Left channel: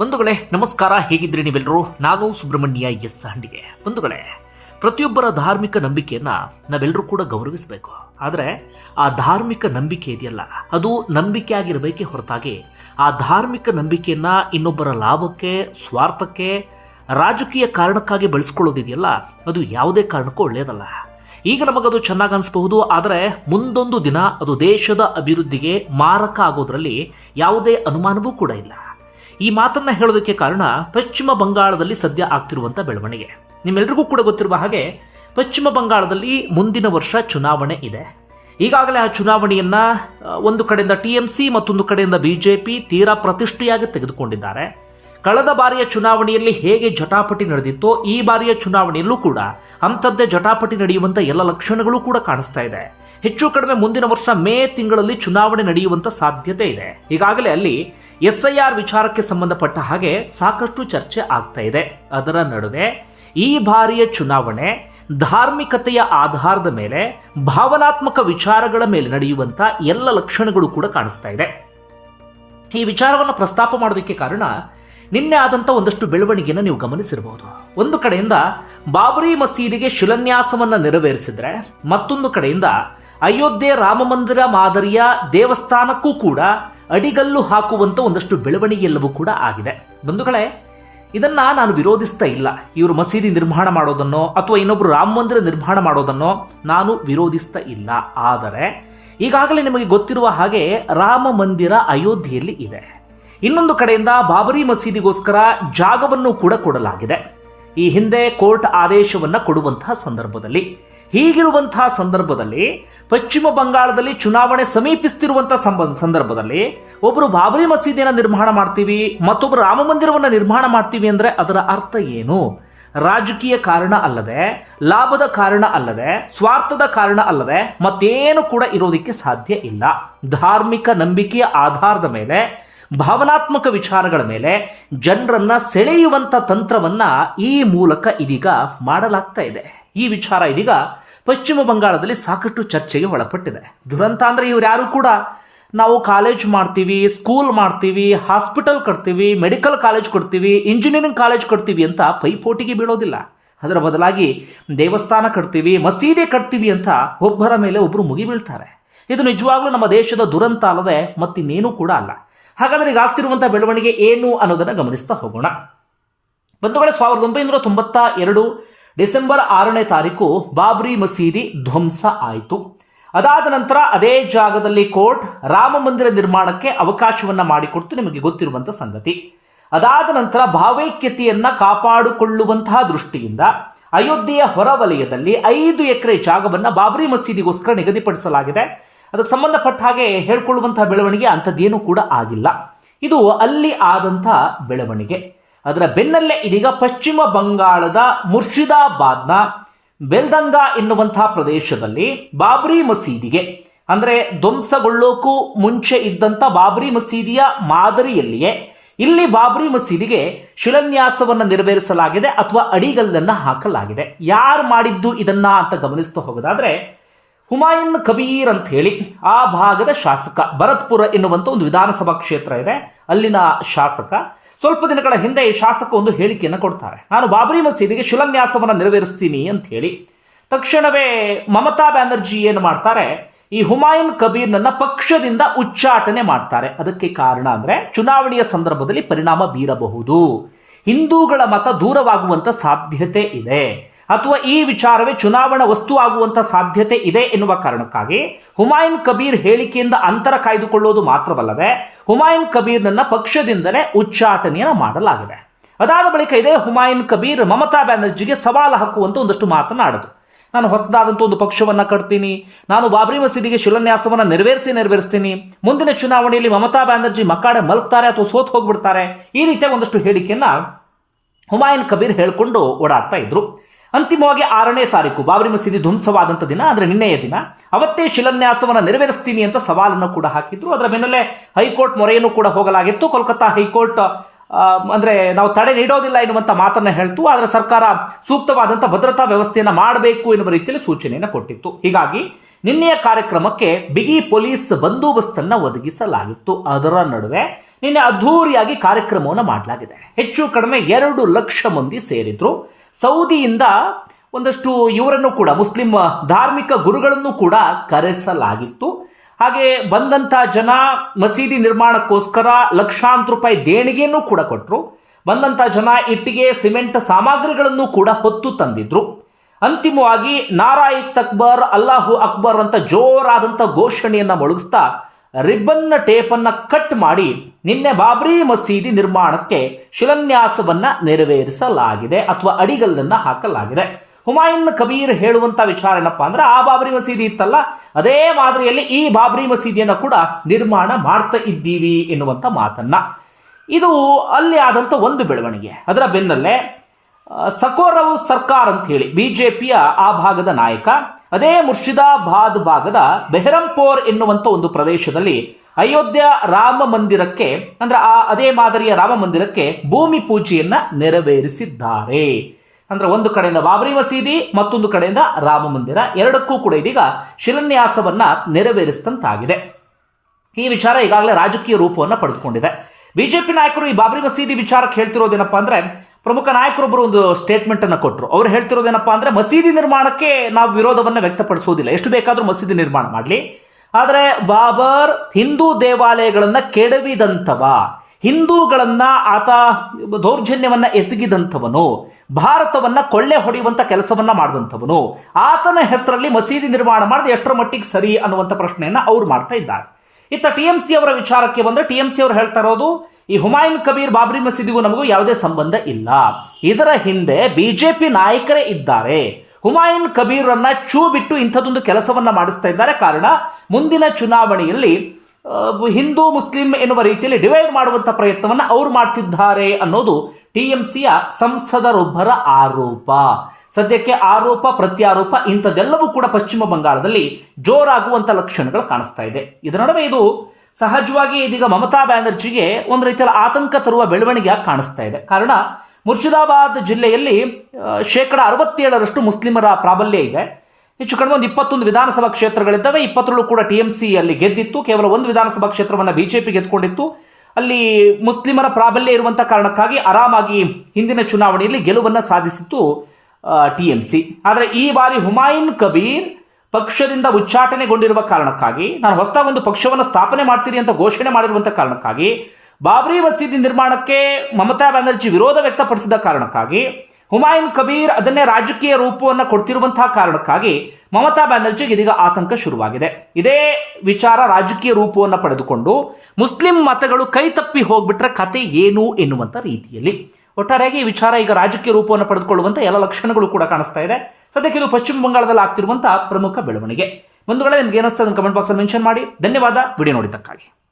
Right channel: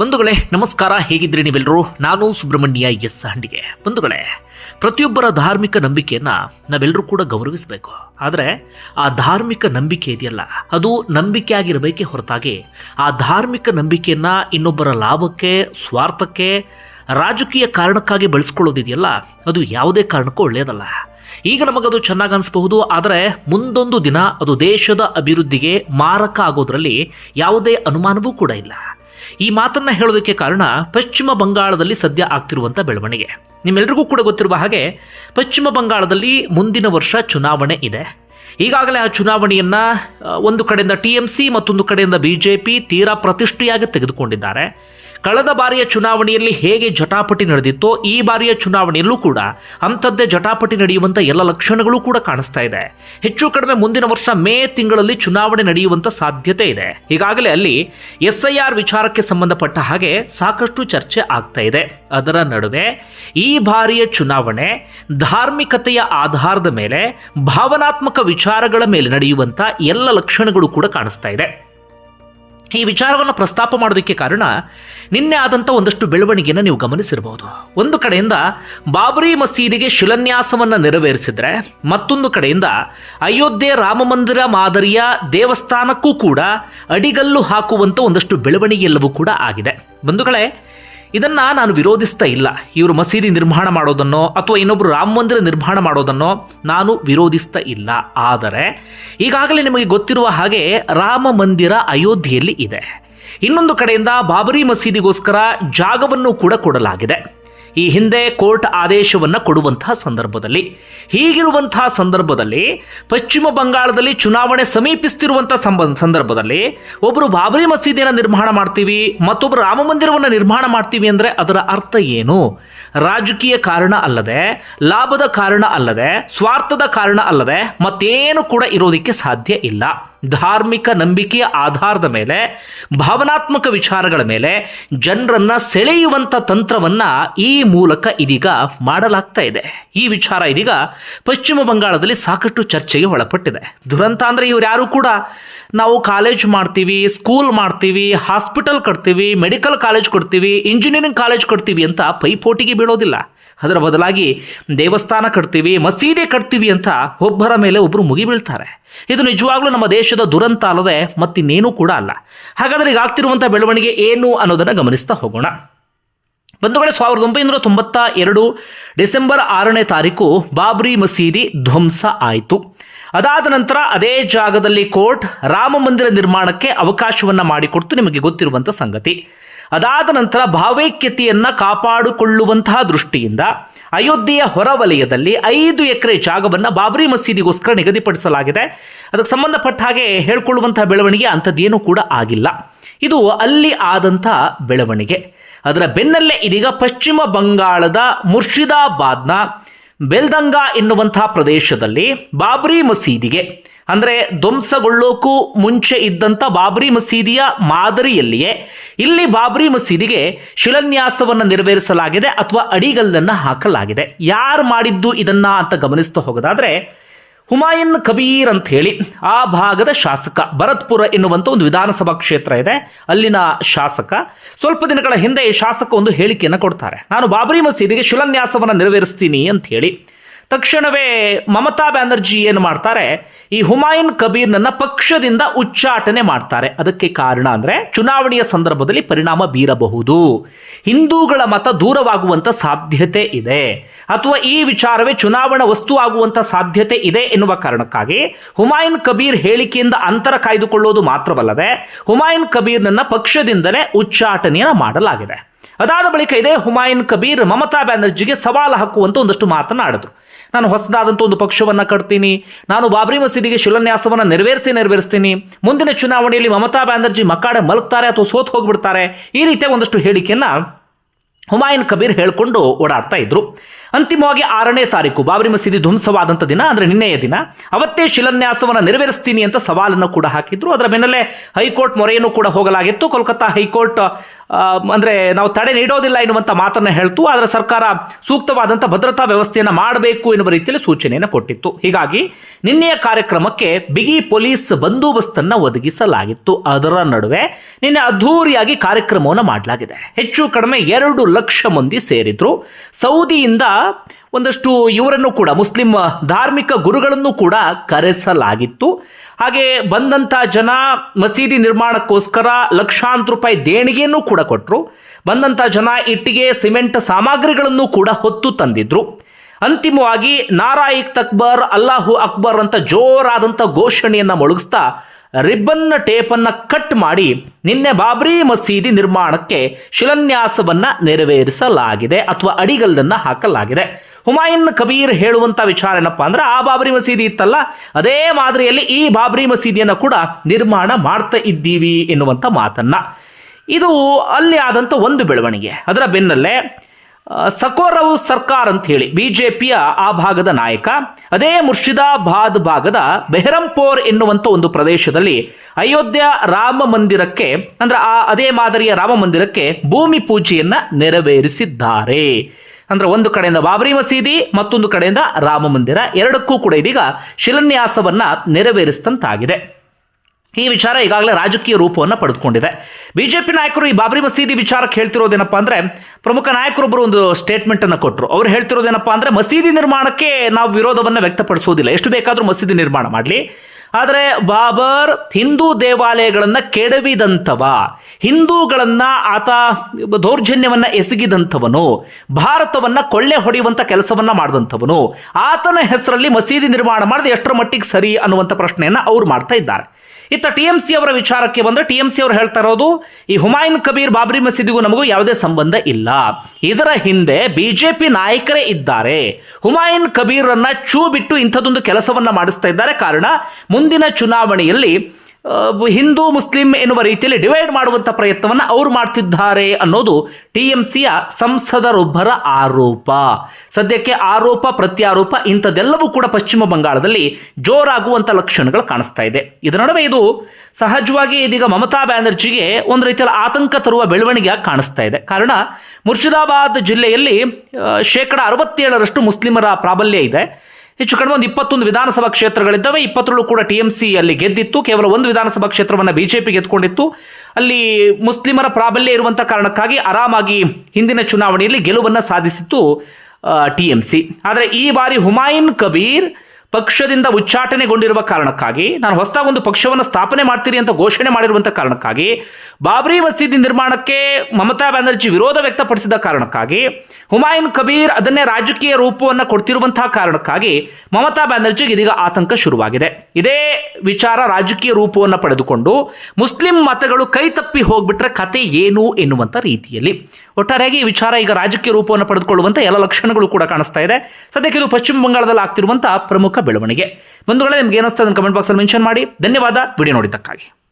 ಬಂಧುಗಳೇ, ನಮಸ್ಕಾರ. ಹೇಗಿದ್ರಿ ನೀವೆಲ್ಲರೂ? ನಾನು ಸುಬ್ರಹ್ಮಣ್ಯ ಎಸ್ ಹಂಡಿಗೆ. ಬಂಧುಗಳೇ, ಪ್ರತಿಯೊಬ್ಬರ ಧಾರ್ಮಿಕ ನಂಬಿಕೆಯನ್ನ ನಾವೆಲ್ಲರೂ ಕೂಡ ಗೌರವಿಸಬೇಕು. ಆದರೆ, ಆ ಧಾರ್ಮಿಕ ನಂಬಿಕೆ ಇದೆಯಲ್ಲ, ಅದು ನಂಬಿಕೆ ಆಗಿರಬೇಕೇ ಹೊರತಾಗಿ, ಆ ಧಾರ್ಮಿಕ ನಂಬಿಕೆಯನ್ನ ಇನ್ನೊಬ್ಬರ ಲಾಭಕ್ಕೆ, ಸ್ವಾರ್ಥಕ್ಕೆ, ರಾಜಕೀಯ ಕಾರಣಕ್ಕಾಗಿ ಬಳಸ್ಕೊಳ್ಳೋದಿದೆಯಲ್ಲ, ಅದು ಯಾವುದೇ ಕಾರಣಕ್ಕೂ ಒಳ್ಳೆಯದಲ್ಲ. ಈಗ ನಮಗದು ಚೆನ್ನಾಗಿ ಅನಿಸಬಹುದು, ಆದರೆ ಮುಂದೊಂದು ದಿನ ಅದು ದೇಶದ ಅಭಿವೃದ್ಧಿಗೆ ಮಾರಕ ಆಗೋದ್ರಲ್ಲಿ ಯಾವುದೇ ಅನುಮಾನವೂ ಕೂಡ ಇಲ್ಲ. ಈ ಮಾತನ್ನ ಹೇಳೋದಕ್ಕೆ ಕಾರಣ ಪಶ್ಚಿಮ ಬಂಗಾಳದಲ್ಲಿ ಸದ್ಯ ಆಗ್ತಿರುವಂಥ ಬೆಳವಣಿಗೆ. ನಿಮ್ಮೆಲ್ರಿಗೂ ಕೂಡ ಗೊತ್ತಿರುವ ಹಾಗೆ ಪಶ್ಚಿಮ ಬಂಗಾಳದಲ್ಲಿ ಮುಂದಿನ ವರ್ಷ ಚುನಾವಣೆ ಇದೆ. ಈಗಾಗಲೇ ಆ ಚುನಾವಣೆಯನ್ನ ಒಂದು ಕಡೆಯಿಂದ ಟಿ ಎಂ ಸಿ ಮತ್ತೊಂದು ಕಡೆಯಿಂದ ಬಿ ಜೆ ಪಿ ತೀರಾ ಪ್ರತಿಷ್ಠೆಯಾಗಿ ತೆಗೆದುಕೊಂಡಿದ್ದಾರೆ. ಕಳೆದ ಬಾರಿಯ ಚುನಾವಣೆಯಲ್ಲಿ ಹೇಗೆ ಜಟಾಪಟಿ ನಡೆದಿತ್ತೋ ಈ ಬಾರಿಯ ಚುನಾವಣೆಯಲ್ಲೂ ಕೂಡ ಅಂಥದ್ದೇ ಜಟಾಪಟಿ ನಡೆಯುವಂಥ ಎಲ್ಲ ಲಕ್ಷಣಗಳು ಕೂಡ ಕಾಣಿಸ್ತಾ ಇದೆ. ಹೆಚ್ಚು ಕಡಿಮೆ ಮುಂದಿನ ವರ್ಷ ಮೇ ತಿಂಗಳಲ್ಲಿ ಚುನಾವಣೆ ನಡೆಯುವಂಥ ಸಾಧ್ಯತೆ ಇದೆ. ಈಗಾಗಲೇ ಅಲ್ಲಿ ಎಸ್ ವಿಚಾರಕ್ಕೆ ಸಂಬಂಧಪಟ್ಟ ಹಾಗೆ ಸಾಕಷ್ಟು ಚರ್ಚೆ ಆಗ್ತಾ ಇದೆ. ಅದರ ನಡುವೆ ಈ ಬಾರಿಯ ಚುನಾವಣೆ ಧಾರ್ಮಿಕತೆಯ ಆಧಾರದ ಮೇಲೆ ಭಾವನಾತ್ಮಕ ವಿಚಾರಗಳ ಮೇಲೆ ನಡೆಯುವಂಥ ಎಲ್ಲ ಲಕ್ಷಣಗಳು ಕೂಡ ಕಾಣಿಸ್ತಾ ಇದೆ. ಈ ವಿಚಾರವನ್ನು ಪ್ರಸ್ತಾಪ ಮಾಡೋದಕ್ಕೆ ಕಾರಣ ನಿನ್ನೆ ಆದಂಥ ಒಂದಷ್ಟು ಬೆಳವಣಿಗೆಯನ್ನು ನೀವು ಗಮನಿಸಿರಬಹುದು. ಒಂದು ಕಡೆಯಿಂದ ಬಾಬರಿ ಮಸೀದಿಗೆ ಶಿಲಾನ್ಯಾಸವನ್ನು ನೆರವೇರಿಸಿದ್ರೆ, ಮತ್ತೊಂದು ಕಡೆಯಿಂದ ಅಯೋಧ್ಯೆ ರಾಮ ಮಂದಿರ ಮಾದರಿಯ ದೇವಸ್ಥಾನಕ್ಕೂ ಕೂಡ ಅಡಿಗಲ್ಲು ಹಾಕುವಂಥ ಒಂದಷ್ಟು ಬೆಳವಣಿಗೆ ಎಲ್ಲವೂ ಕೂಡ ಆಗಿದೆ. ಬಂಧುಗಳೇ, ಇದನ್ನ ನಾನು ವಿರೋಧಿಸ್ತಾ ಇಲ್ಲ. ಇವರು ಮಸೀದಿ ನಿರ್ಮಾಣ ಮಾಡೋದನ್ನೋ, ಅಥವಾ ಇನ್ನೊಬ್ರು ರಾಮ ಮಂದಿರ ನಿರ್ಮಾಣ ಮಾಡೋದನ್ನೋ ನಾನು ವಿರೋಧಿಸ್ತಾ ಇಲ್ಲ. ಆದರೆ, ಈಗಾಗಲೇ ನಿಮಗೆ ಗೊತ್ತಿರುವ ಹಾಗೆ ರಾಮ ಮಂದಿರ ಅಯೋಧ್ಯೆಯಲ್ಲಿ ಇದೆ. ಇನ್ನೊಂದು ಕಡೆಯಿಂದ ಬಾಬರಿ ಮಸೀದಿಗೋಸ್ಕರ ಜಾಗವನ್ನು ಕೂಡ ಕೊಡಲಾಗಿದೆ. ಈ ಹಿಂದೆ ಕೋರ್ಟ್ ಆದೇಶವನ್ನು ಕೊಡುವಂತಹ ಸಂದರ್ಭದಲ್ಲಿ, ಹೀಗಿರುವಂತಹ ಸಂದರ್ಭದಲ್ಲಿ, ಪಶ್ಚಿಮ ಬಂಗಾಳದಲ್ಲಿ ಚುನಾವಣೆ ಸಮೀಪಿಸ್ತಿರುವಂತಹ ಸಂಬಂಧ ಸಂದರ್ಭದಲ್ಲಿ ಒಬ್ಬರು ಬಾಬರಿ ಮಸೀದಿಯನ್ನು ನಿರ್ಮಾಣ ಮಾಡ್ತೀವಿ ಮತ್ತೊಬ್ಬರು ರಾಮ ಮಂದಿರವನ್ನು ನಿರ್ಮಾಣ ಮಾಡ್ತೀವಿ ಅಂದರೆ ಅದರ ಅರ್ಥ ಏನು? ರಾಜಕೀಯ ಕಾರಣ ಅಲ್ಲದೆ, ಲಾಭದ ಕಾರಣ ಅಲ್ಲದೆ, ಸ್ವಾರ್ಥದ ಕಾರಣ ಅಲ್ಲದೆ ಮತ್ತೇನು ಕೂಡ ಇರೋದಕ್ಕೆ ಸಾಧ್ಯ ಇಲ್ಲ. ಧಾರ್ಮಿಕ ನಂಬಿಕೆಯ ಆಧಾರದ ಮೇಲೆ, ಭಾವನಾತ್ಮಕ ವಿಚಾರಗಳ ಮೇಲೆ ಜನರನ್ನು ಸೆಳೆಯುವಂಥ ತಂತ್ರವನ್ನ ಈ ಮೂಲಕ ಇದೀಗ ಮಾಡಲಾಗ್ತಾ ಇದೆ. ಈ ವಿಚಾರ ಇದೀಗ ಪಶ್ಚಿಮ ಬಂಗಾಳದಲ್ಲಿ ಸಾಕಷ್ಟು ಚರ್ಚೆಗೆ ಒಳಪಟ್ಟಿದೆ. ದುರಂತ ಅಂದರೆ ಇವ್ರು ಯಾರು ಕೂಡ ನಾವು ಕಾಲೇಜ್ ಮಾಡ್ತೀವಿ, ಸ್ಕೂಲ್ ಮಾಡ್ತೀವಿ, ಹಾಸ್ಪಿಟಲ್ ಕಟ್ತೀವಿ, ಮೆಡಿಕಲ್ ಕಾಲೇಜ್ ಕೊಡ್ತೀವಿ, ಇಂಜಿನಿಯರಿಂಗ್ ಕಾಲೇಜ್ ಕೊಡ್ತೀವಿ ಅಂತ ಪೈಪೋಟಿಗೆ ಬೀಳೋದಿಲ್ಲ. ಅದರ ಬದಲಾಗಿ ದೇವಸ್ಥಾನ ಕಟ್ತೀವಿ, ಮಸೀದಿ ಕಟ್ತೀವಿ ಅಂತ ಒಬ್ಬರ ಮೇಲೆ ಒಬ್ಬರು ಮುಗಿಬೀಳ್ತಾರೆ ಇದು ನಿಜವಾಗ್ಲೂ ನಮ್ಮ ದೇಶದ ದುರಂತ ಅಲ್ಲದೆ ಮತ್ತಿನ್ನೇನೂ ಕೂಡ ಅಲ್ಲ. ಹಾಗಾದ್ರೆ ಈಗ ಆಗ್ತಿರುವಂಥ ಬೆಳವಣಿಗೆ ಏನು ಅನ್ನೋದನ್ನು ಗಮನಿಸ್ತಾ ಹೋಗೋಣ. ಬಂಧುಗಳೇ, ಸಾವಿರದ ಒಂಬೈನೂರ ತೊಂಬತ್ತ ಎರಡು ಡಿಸೆಂಬರ್ ಆರನೇ ತಾರೀಕು ಬಾಬ್ರಿ ಮಸೀದಿ ಧ್ವಂಸ ಆಯಿತು. ಅದಾದ ನಂತರ ಅದೇ ಜಾಗದಲ್ಲಿ ಕೋರ್ಟ್ ರಾಮ ಮಂದಿರ ನಿರ್ಮಾಣಕ್ಕೆ ಅವಕಾಶವನ್ನ ಮಾಡಿಕೊಡ್ತು ನಿಮಗೆ ಗೊತ್ತಿರುವಂಥ ಸಂಗತಿ. ಅದಾದ ನಂತರ ಭಾವೈಕ್ಯತೆಯನ್ನು ಕಾಪಾಡಿಕೊಳ್ಳುವಂತಹ ದೃಷ್ಟಿಯಿಂದ ಅಯೋಧ್ಯೆಯ ಹೊರವಲಯದಲ್ಲಿ ಐದು ಎಕರೆ ಜಾಗವನ್ನು ಬಾಬ್ರಿ ಮಸೀದಿಗೋಸ್ಕರ ನಿಗದಿಪಡಿಸಲಾಗಿದೆ. ಅದಕ್ಕೆ ಸಂಬಂಧಪಟ್ಟ ಹಾಗೆ ಹೇಳ್ಕೊಳ್ಳುವಂತಹ ಬೆಳವಣಿಗೆ ಅಂಥದ್ದೇನೂ ಕೂಡ ಆಗಿಲ್ಲ. ಇದು ಅಲ್ಲಿ ಆದಂಥ ಬೆಳವಣಿಗೆ. ಅದರ ಬೆನ್ನಲ್ಲೇ ಇದೀಗ ಪಶ್ಚಿಮ ಬಂಗಾಳದ ಮುರ್ಷಿದಾಬಾದ್ನ ಬೆಲ್ದಂಗ ಎನ್ನುವಂಥ ಪ್ರದೇಶದಲ್ಲಿ ಬಾಬ್ರಿ ಮಸೀದಿಗೆ, ಅಂದರೆ ಧ್ವಂಸಗೊಳ್ಳೋಕ್ಕೂ ಮುಂಚೆ ಇದ್ದಂಥ ಬಾಬ್ರಿ ಮಸೀದಿಯ ಮಾದರಿಯಲ್ಲಿಯೇ ಇಲ್ಲಿ ಬಾಬ್ರಿ ಮಸೀದಿಗೆ ಶಿಲಾನ್ಯಾಸವನ್ನು ನೆರವೇರಿಸಲಾಗಿದೆ ಅಥವಾ ಅಡಿಗಲ್ಲನ್ನು ಹಾಕಲಾಗಿದೆ. ಯಾರು ಮಾಡಿದ್ದು ಇದನ್ನು ಅಂತ ಗಮನಿಸ್ತಾ ಹೋಗೋದಾದ್ರೆ ಹುಮಾಯೂನ್ ಕಬೀರ್ ಅಂತ ಹೇಳಿ ಆ ಭಾಗದ ಶಾಸಕ, ಭರತ್ಪುರ ಎನ್ನುವಂಥ ಒಂದು ವಿಧಾನಸಭಾ ಕ್ಷೇತ್ರ ಇದೆ, ಅಲ್ಲಿನ ಶಾಸಕ. ಸ್ವಲ್ಪ ದಿನಗಳ ಹಿಂದೆ ಈ ಶಾಸಕ ಒಂದು ಹೇಳಿಕೆಯನ್ನು ಕೊಡ್ತಾರೆ. ನಾನು ಬಾಬರಿ ಮಸೀದಿಗೆ ಶಿಲಾನ್ಯಾಸವನ್ನು ನೆರವೇರಿಸ್ತೀನಿ ಅಂತ ಹೇಳಿ. ತಕ್ಷಣವೇ ಮಮತಾ ಬ್ಯಾನರ್ಜಿ ಏನು ಮಾಡ್ತಾರೆ? ಈ ಹುಮಾಯೂನ್ ಕಬೀರ್ನನ್ನು ಪಕ್ಷದಿಂದ ಉಚ್ಚಾಟನೆ ಮಾಡ್ತಾರೆ. ಅದಕ್ಕೆ ಕಾರಣ ಅಂದರೆ ಚುನಾವಣೆಯ ಸಂದರ್ಭದಲ್ಲಿ ಪರಿಣಾಮ ಬೀರಬಹುದು. ಹಿಂದೂಗಳ ಮತ ದೂರವಾಗುವಂಥ ಸಾಧ್ಯತೆ ಇದೆ. ಅಥವಾ ಈ ವಿಚಾರವೇ ಚುನಾವಣಾ ವಸ್ತು ಆಗುವಂಥ ಸಾಧ್ಯತೆ ಇದೆ ಎನ್ನುವ ಕಾರಣಕ್ಕಾಗಿ ಹುಮಾಯೂನ್ ಕಬೀರ್ ಹೇಳಿಕೆಯಿಂದ ಅಂತರ ಕಾಯ್ದುಕೊಳ್ಳೋದು ಮಾತ್ರವಲ್ಲದೆ ಹುಮಾಯೂನ್ ಕಬೀರ್ನನ್ನ ಪಕ್ಷದಿಂದಲೇ ಉಚ್ಚಾಟನೆಯನ್ನು ಮಾಡಲಾಗಿದೆ. ಅದಾದ ಬಳಿಕ ಇದೆ ಹುಮಾಯೂನ್ ಕಬೀರ್ ಮಮತಾ ಬ್ಯಾನರ್ಜಿಗೆ ಸವಾಲು ಹಾಕುವಂತ ಒಂದಷ್ಟು ಮಾತನಾಡಿದ್ರು. ನಾನು ಹೊಸದಾದಂಥ ಒಂದು ಪಕ್ಷವನ್ನು ಕಟ್ತೀನಿ. ನಾನು ಬಾಬ್ರಿ ಮಸೀದಿಗೆ ಶಿಲಾನ್ಯಾಸವನ್ನು ನೆರವೇರಿಸಿ ನೆರವೇರಿಸ್ತೀನಿ. ಮುಂದಿನ ಚುನಾವಣೆಯಲ್ಲಿ ಮಮತಾ ಬ್ಯಾನರ್ಜಿ ಮಕ್ಕಾಡೆ ಮಲಗ್ತಾರೆ ಅಥವಾ ಸೋತ್ ಹೋಗ್ಬಿಡ್ತಾರೆ. ಈ ರೀತಿಯ ಒಂದಷ್ಟು ಹೇಳಿಕೆಯನ್ನ ಹುಮಾಯೂನ್ ಕಬೀರ್ ಹೇಳಿಕೊಂಡು ಓಡಾಡ್ತಾ ಇದ್ರು. ಅಂತಿಮವಾಗಿ ಆರನೇ ತಾರೀಕು, ಬಾಬರಿ ಮಸೀದಿ ಧ್ವಂಸವಾದಂಥ ದಿನ, ಅಂದರೆ ನಿನ್ನೆಯ ದಿನ. ಅವತ್ತೇ ಶಿಲಾನ್ಯಾಸವನ್ನು ನೆರವೇರಿಸ್ತೀನಿ ಅಂತ ಸವಾಲನ್ನು ಕೂಡ ಹಾಕಿದ್ರು. ಅದರ ಬೆನ್ನಲ್ಲೇ ಹೈಕೋರ್ಟ್ ಮೊರೆಯನ್ನು ಕೂಡ ಹೋಗಲಾಗಿತ್ತು. ಕೋಲ್ಕತ್ತಾ ಹೈಕೋರ್ಟ್ ಅಂದರೆ ನಾವು ತಡೆ ನೀಡೋದಿಲ್ಲ ಎನ್ನುವಂಥ ಮಾತನ್ನು ಹೇಳ್ತು. ಆದರೆ ಸರ್ಕಾರ ಸೂಕ್ತವಾದಂಥ ಭದ್ರತಾ ವ್ಯವಸ್ಥೆಯನ್ನು ಮಾಡಬೇಕು ಎನ್ನುವ ರೀತಿಯಲ್ಲಿ ಸೂಚನೆಯನ್ನು ಕೊಟ್ಟಿತ್ತು. ಹೀಗಾಗಿ ನಿನ್ನೆಯ ಕಾರ್ಯಕ್ರಮಕ್ಕೆ ಬಿಗಿ ಪೊಲೀಸ್ ಬಂದೋಬಸ್ತನ್ನು ಒದಗಿಸಲಾಗಿತ್ತು. ಅದರ ನಡುವೆ ನಿನ್ನೆ ಅದ್ಧೂರಿಯಾಗಿ ಕಾರ್ಯಕ್ರಮವನ್ನು ಮಾಡಲಾಗಿದೆ. ಹೆಚ್ಚು ಕಡಿಮೆ ಎರಡು ಲಕ್ಷ ಮಂದಿ ಸೇರಿದ್ರು. ಸೌದಿಯಿಂದ ಒಂದಷ್ಟು ಇವರನ್ನು ಕೂಡ, ಮುಸ್ಲಿಂ ಧಾರ್ಮಿಕ ಗುರುಗಳನ್ನು ಕೂಡ ಕರೆಸಲಾಗಿತ್ತು. ಹಾಗೆ ಬಂದಂಥ ಜನ ಮಸೀದಿ ನಿರ್ಮಾಣಕ್ಕೋಸ್ಕರ ಲಕ್ಷಾಂತರ ರೂಪಾಯಿ ದೇಣಿಗೆಯನ್ನು ಕೂಡ ಕೊಟ್ಟರು ಬಂದಂಥ ಜನ ಇಟ್ಟಿಗೆ, ಸಿಮೆಂಟ್ ಸಾಮಗ್ರಿಗಳನ್ನು ಕೂಡ ಹೊತ್ತು ತಂದಿದ್ರು. ಅಂತಿಮವಾಗಿ ನಾರಾಯಿಕ್ ತಕ್ಬರ್, ಅಲ್ಲಾಹು ಅಕ್ಬರ್ ಅಂತ ಜೋರಾದಂಥ ಘೋಷಣೆಯನ್ನು ಮೊಳಗಿಸ್ತಾ ರಿಬ್ಬನ್ ಟೇಪನ್ನು ಕಟ್ ಮಾಡಿ ನಿನ್ನೆ ಬಾಬ್ರಿ ಮಸೀದಿ ನಿರ್ಮಾಣಕ್ಕೆ ಶಿಲಾನ್ಯಾಸವನ್ನು ನೆರವೇರಿಸಲಾಗಿದೆ ಅಥವಾ ಅಡಿಗಲ್ಲನ್ನು ಹಾಕಲಾಗಿದೆ. ಹುಮಾಯೂನ್ ಕಬೀರ್ ಹೇಳುವಂಥ ವಿಚಾರ ಏನಪ್ಪ ಅಂದ್ರೆ ಆ ಬಾಬ್ರಿ ಮಸೀದಿ ಇತ್ತಲ್ಲ, ಅದೇ ಮಾದರಿಯಲ್ಲಿ ಈ ಬಾಬ್ರಿ ಮಸೀದಿಯನ್ನು ಕೂಡ ನಿರ್ಮಾಣ ಮಾಡ್ತಾ ಇದ್ದೀವಿ ಎನ್ನುವಂಥ ಮಾತನ್ನು. ಇದು ಅಲ್ಲಿ ಆದಂಥ ಒಂದು ಬೆಳವಣಿಗೆ. ಅದರ ಬೆನ್ನಲ್ಲೇ ಸಕೋರವ್ ಸರ್ಕಾರ್ ಅಂತ ಹೇಳಿ ಬಿ ಜೆ ಪಿಯ ಆ ಭಾಗದ ನಾಯಕ. ಅದೇ ಮುರ್ಷಿದಾಬಾದ್ ಭಾಗದ ಬೆಹರಂಪೋರ್ ಎನ್ನುವಂಥ ಒಂದು ಪ್ರದೇಶದಲ್ಲಿ ಅಯೋಧ್ಯ ರಾಮ ಮಂದಿರಕ್ಕೆ, ಅಂದ್ರೆ ಆ ಅದೇ ಮಾದರಿಯ ರಾಮ ಮಂದಿರಕ್ಕೆ ಭೂಮಿ ಪೂಜೆಯನ್ನ ನೆರವೇರಿಸಿದ್ದಾರೆ. ಅಂದ್ರೆ ಒಂದು ಕಡೆಯಿಂದ ಬಾಬರಿ ಮಸೀದಿ, ಮತ್ತೊಂದು ಕಡೆಯಿಂದ ರಾಮ ಮಂದಿರ. ಎರಡಕ್ಕೂ ಕೂಡ ಇದೀಗ ಶಿಲಾನ್ಯಾಸವನ್ನು ನೆರವೇರಿಸಿದಂತಾಗಿದೆ. ಈ ವಿಚಾರ ಈಗಾಗಲೇ ರಾಜಕೀಯ ರೂಪವನ್ನು ಪಡೆದುಕೊಂಡಿದೆ. ಬಿಜೆಪಿ ನಾಯಕರು ಈ ಬಾಬ್ರಿ ಮಸೀದಿ ವಿಚಾರಕ್ಕೆ ಹೇಳ್ತಿರೋದೇನಪ್ಪ ಅಂದರೆ, ಪ್ರಮುಖ ನಾಯಕರೊಬ್ಬರು ಒಂದು ಸ್ಟೇಟ್ಮೆಂಟನ್ನು ಕೊಟ್ಟರು ಅವರು ಹೇಳ್ತಿರೋದೇನಪ್ಪ ಅಂದರೆ, ಮಸೀದಿ ನಿರ್ಮಾಣಕ್ಕೆ ನಾವು ವಿರೋಧವನ್ನು ವ್ಯಕ್ತಪಡಿಸೋದಿಲ್ಲ. ಎಷ್ಟು ಬೇಕಾದರೂ ಮಸೀದಿ ನಿರ್ಮಾಣ ಮಾಡಲಿ. ಆದರೆ ಬಾಬರ್ ಹಿಂದೂ ದೇವಾಲಯಗಳನ್ನು ಕೆಡವಿದಂಥವ, ಹಿಂದೂಗಳನ್ನು ಆತ ದೌರ್ಜನ್ಯವನ್ನು ಎಸಗಿದಂಥವನು, ಭಾರತವನ್ನು ಕೊಳ್ಳೆ ಹೊಡೆಯುವಂಥ ಕೆಲಸವನ್ನು ಮಾಡಿದಂಥವನು, ಆತನ ಹೆಸರಲ್ಲಿ ಮಸೀದಿ ನಿರ್ಮಾಣ ಮಾಡಿದ ಎಷ್ಟರ ಮಟ್ಟಿಗೆ ಸರಿ ಅನ್ನುವಂಥ ಪ್ರಶ್ನೆಯನ್ನು ಅವರು ಮಾಡ್ತಾ ಇದ್ದಾರೆ. ಇತ್ತ ಟಿ ಎಂ ಸಿ ಅವರ ವಿಚಾರಕ್ಕೆ ಬಂದ್ರೆ ಟಿ ಎಂ ಸಿ ಅವರು ಹೇಳ್ತಾ ಇರೋದು, ಈ ಹುಮಾಯೂನ್ ಕಬೀರ್, ಬಾಬ್ರಿ ಮಸೀದಿಗೂ ನಮಗೂ ಯಾವುದೇ ಸಂಬಂಧ ಇಲ್ಲ. ಇದರ ಹಿಂದೆ ಬಿಜೆಪಿ ನಾಯಕರೇ ಇದ್ದಾರೆ. ಹುಮಾಯೂನ್ ಕಬೀರನ್ನ ಚೂ ಬಿಟ್ಟು ಇಂಥದ್ದೊಂದು ಕೆಲಸವನ್ನ ಮಾಡಿಸ್ತಾ ಇದ್ದಾರೆ. ಕಾರಣ ಮುಂದಿನ ಚುನಾವಣೆಯಲ್ಲಿ ಹಿಂದೂ ಮುಸ್ಲಿಂ ಎನ್ನುವ ರೀತಿಯಲ್ಲಿ ಡಿವೈಡ್ ಮಾಡುವಂಥ ಪ್ರಯತ್ನವನ್ನು ಅವರು ಮಾಡ್ತಿದ್ದಾರೆ ಅನ್ನೋದು ಟಿ ಎಂ ಸಿಯ ಸಂಸದರೊಬ್ಬರ ಆರೋಪ. ಸದ್ಯಕ್ಕೆ ಆರೋಪ, ಪ್ರತ್ಯಾರೋಪ ಇಂಥದ್ದೆಲ್ಲವೂ ಕೂಡ ಪಶ್ಚಿಮ ಬಂಗಾಳದಲ್ಲಿ ಜೋರಾಗುವಂಥ ಲಕ್ಷಣಗಳು ಕಾಣಿಸ್ತಾ ಇದೆ. ಇದರ ನಡುವೆ ಇದು ಸಹಜವಾಗಿ ಇದೀಗ ಮಮತಾ ಬ್ಯಾನರ್ಜಿಗೆ ಒಂದು ರೀತಿಯಲ್ಲಿ ಆತಂಕ ತರುವ ಬೆಳವಣಿಗೆ ಕಾಣಿಸ್ತಾ ಇದೆ. ಕಾರಣ ಮುರ್ಷಿದಾಬಾದ್ ಜಿಲ್ಲೆಯಲ್ಲಿ ಶೇಕಡ ಅರವತ್ತೇಳರಷ್ಟು ಮುಸ್ಲಿಮರ ಪ್ರಾಬಲ್ಯ ಇದೆ. ಹೆಚ್ಚು ಕಡಿಮೆ ಒಂದು ಇಪ್ಪತ್ತೊಂದು ವಿಧಾನಸಭಾ ಕ್ಷೇತ್ರಗಳಿದ್ದಾವೆ. ಇಪ್ಪತ್ತರಲ್ಲೂ ಕೂಡ ಟಿ ಎಂ ಸಿ ಅಲ್ಲಿ ಗೆದ್ದಿತ್ತು. ಕೇವಲ ಒಂದು ವಿಧಾನಸಭಾ ಕ್ಷೇತ್ರವನ್ನು ಬಿಜೆಪಿ ಗೆದ್ದುಕೊಂಡಿತ್ತು. ಅಲ್ಲಿ ಮುಸ್ಲಿಮರ ಪ್ರಾಬಲ್ಯ ಇರುವಂಥ ಕಾರಣಕ್ಕಾಗಿ ಆರಾಮಾಗಿ ಹಿಂದಿನ ಚುನಾವಣೆಯಲ್ಲಿ ಗೆಲುವನ್ನು ಸಾಧಿಸಿತ್ತು ಟಿ ಎಂ ಸಿ ಆದರೆ ಈ ಬಾರಿ ಹುಮಾಯೂನ್ ಕಬೀರ್ ಪಕ್ಷದಿಂದ ಉಚ್ಚಾಟನೆಗೊಂಡಿರುವ ಕಾರಣಕ್ಕಾಗಿ, ನಾನು ಹೊಸದಾಗಿ ಒಂದು ಪಕ್ಷವನ್ನು ಸ್ಥಾಪನೆ ಮಾಡ್ತೀರಿ ಅಂತ ಘೋಷಣೆ ಮಾಡಿರುವಂಥ ಕಾರಣಕ್ಕಾಗಿ, ಬಾಬ್ರಿ ಮಸೀದಿ ನಿರ್ಮಾಣಕ್ಕೆ ಮಮತಾ ಬ್ಯಾನರ್ಜಿ ವಿರೋಧ ವ್ಯಕ್ತಪಡಿಸಿದ ಕಾರಣಕ್ಕಾಗಿ, ಹುಮಾಯೂನ್ ಕಬೀರ್ ಅದನ್ನೇ ರಾಜಕೀಯ ರೂಪವನ್ನು ಕೊಡ್ತಿರುವಂತಹ ಕಾರಣಕ್ಕಾಗಿ ಮಮತಾ ಬ್ಯಾನರ್ಜಿಗೆ ಇದೀಗ ಆತಂಕ ಶುರುವಾಗಿದೆ. ಇದೇ ವಿಚಾರ ರಾಜಕೀಯ ರೂಪವನ್ನು ಪಡೆದುಕೊಂಡು ಮುಸ್ಲಿಂ ಮತಗಳು ಕೈ ತಪ್ಪಿ ಹೋಗ್ಬಿಟ್ರೆ ಕತೆ ಏನು ಎನ್ನುವಂಥ ರೀತಿಯಲ್ಲಿ. ಒಟ್ಟಾರೆಯಾಗಿ ಈ ವಿಚಾರ ಈಗ ರಾಜಕೀಯ ರೂಪವನ್ನು ಪಡೆದುಕೊಳ್ಳುವಂಥ ಎಲ್ಲ ಲಕ್ಷಣಗಳು ಕೂಡ ಕಾಣಿಸ್ತಾ ಇದೆ. ಸದ್ಯಕ್ಕೆ ಇದು ಪಶ್ಚಿಮ ಬಂಗಾಳದಲ್ಲಿ ಆಗ್ತಿರುವಂಥ ಪ್ರಮುಖ ಬೆಳವಣಿಗೆ. ಬಂಧುಗಳೇ ನಿಮ್ಗೆ ಏನಿಸ್ತದೆ ಕಮೆಂಟ್ ಬಾಕ್ಸಲ್ಲಿ ಮೆನ್ಷನ್ ಮಾಡಿ. ಧನ್ಯವಾದ. ವಿಡಿಯೋ ನೋಡಿದ್ದಕ್ಕಾಗಿ.